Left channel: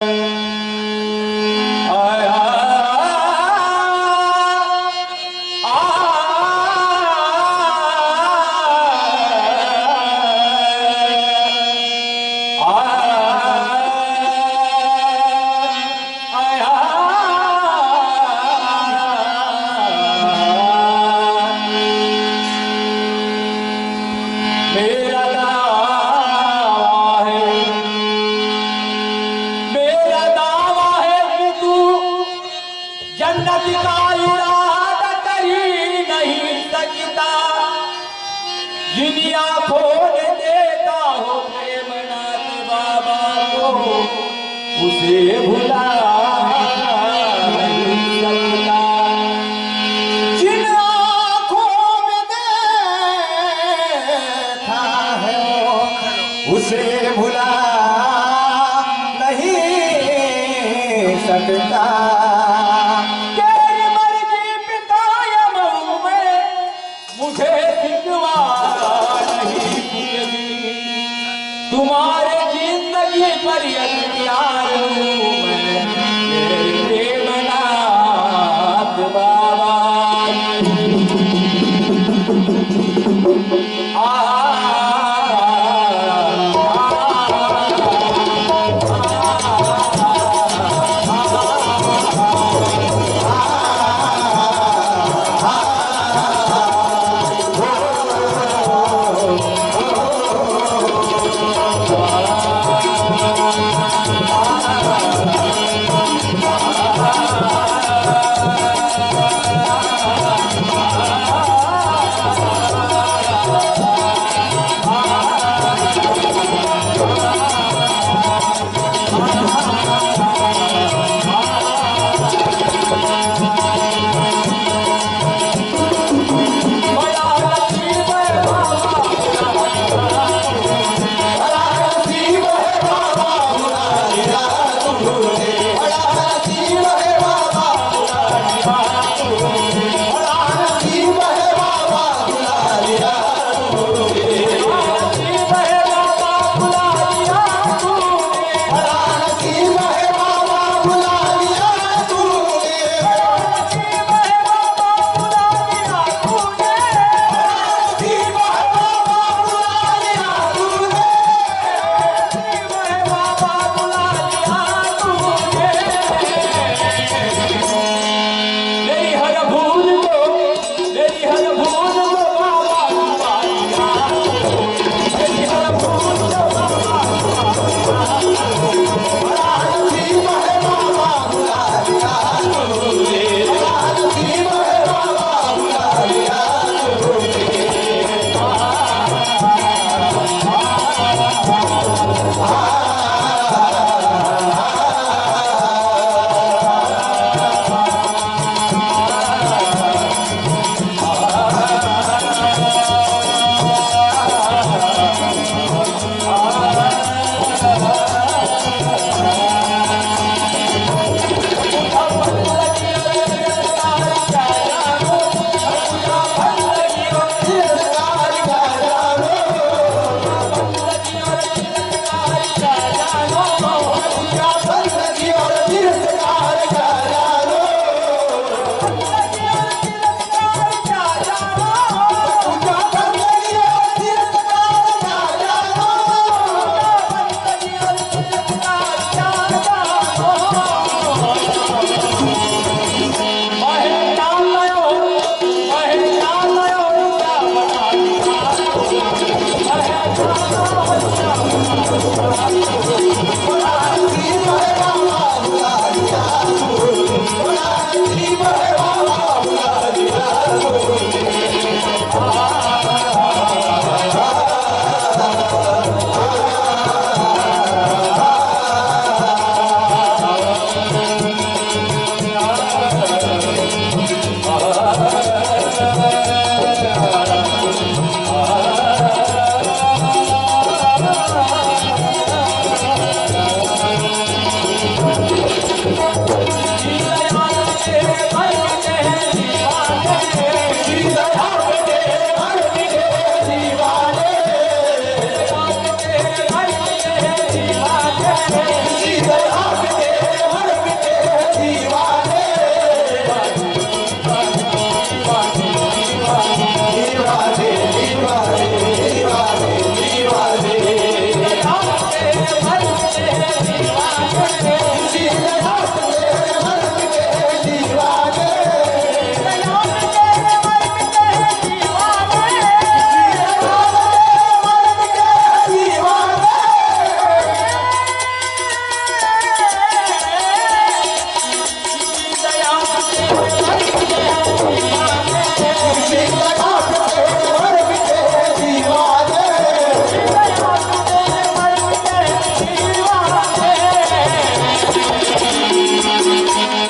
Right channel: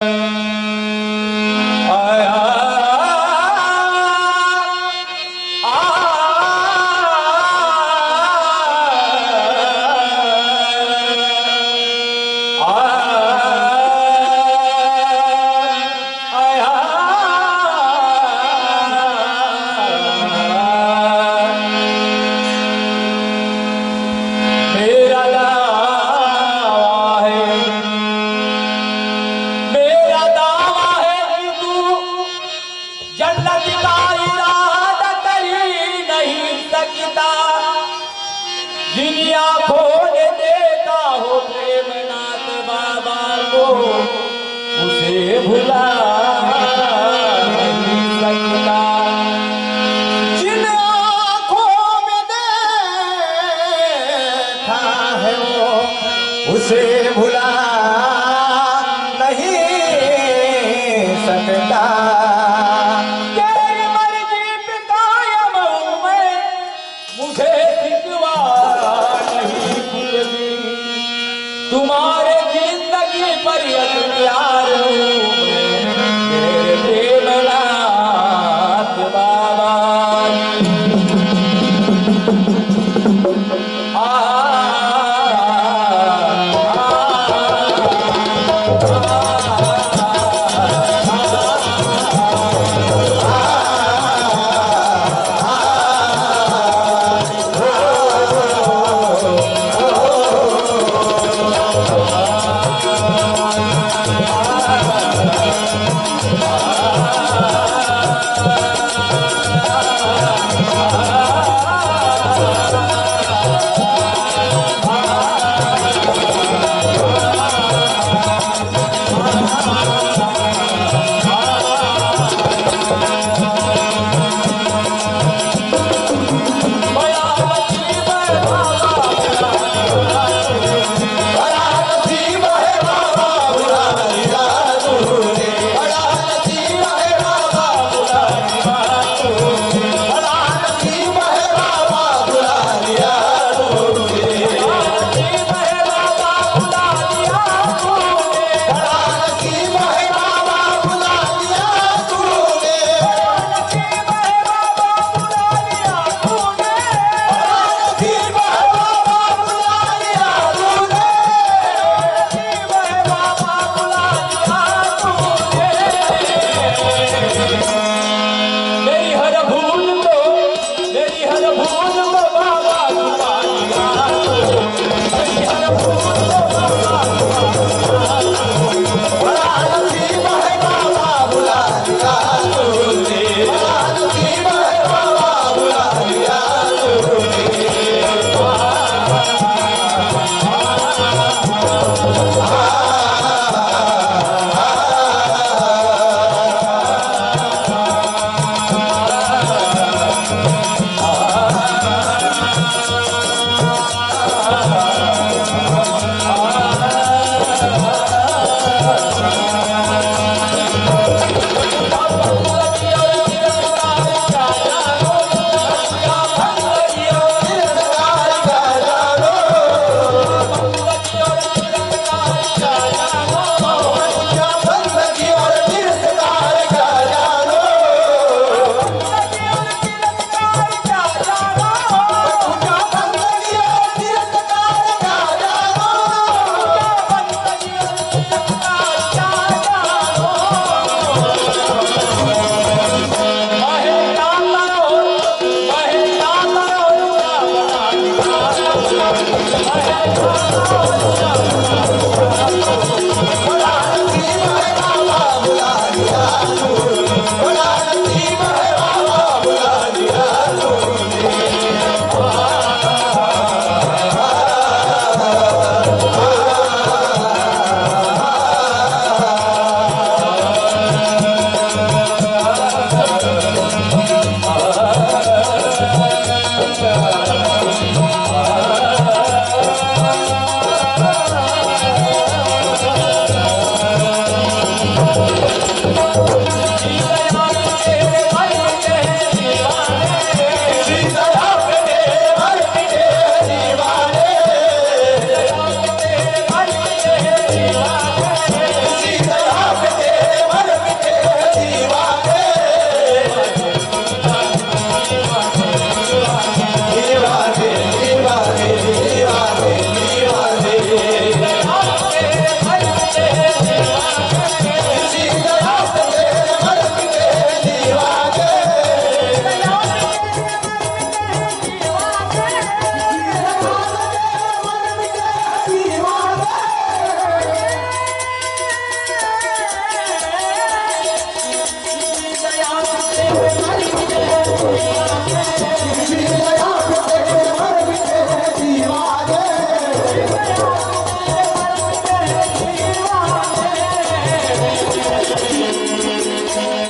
Música उसे भुला उसे भुला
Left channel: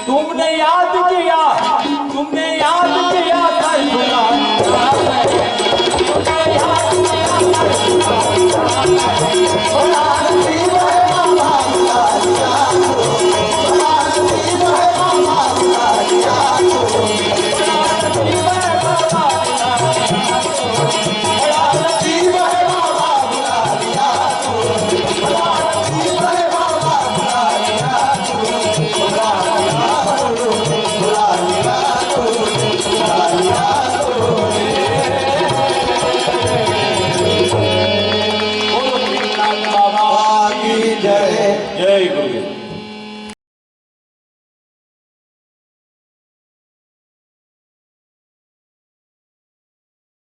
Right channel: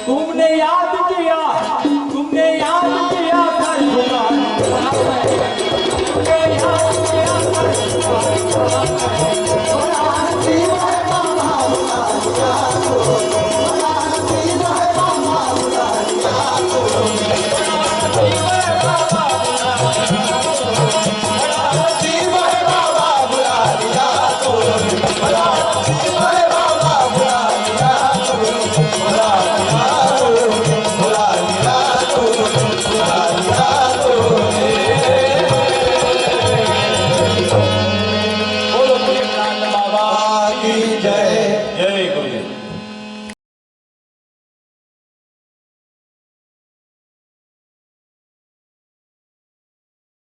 तुमने याद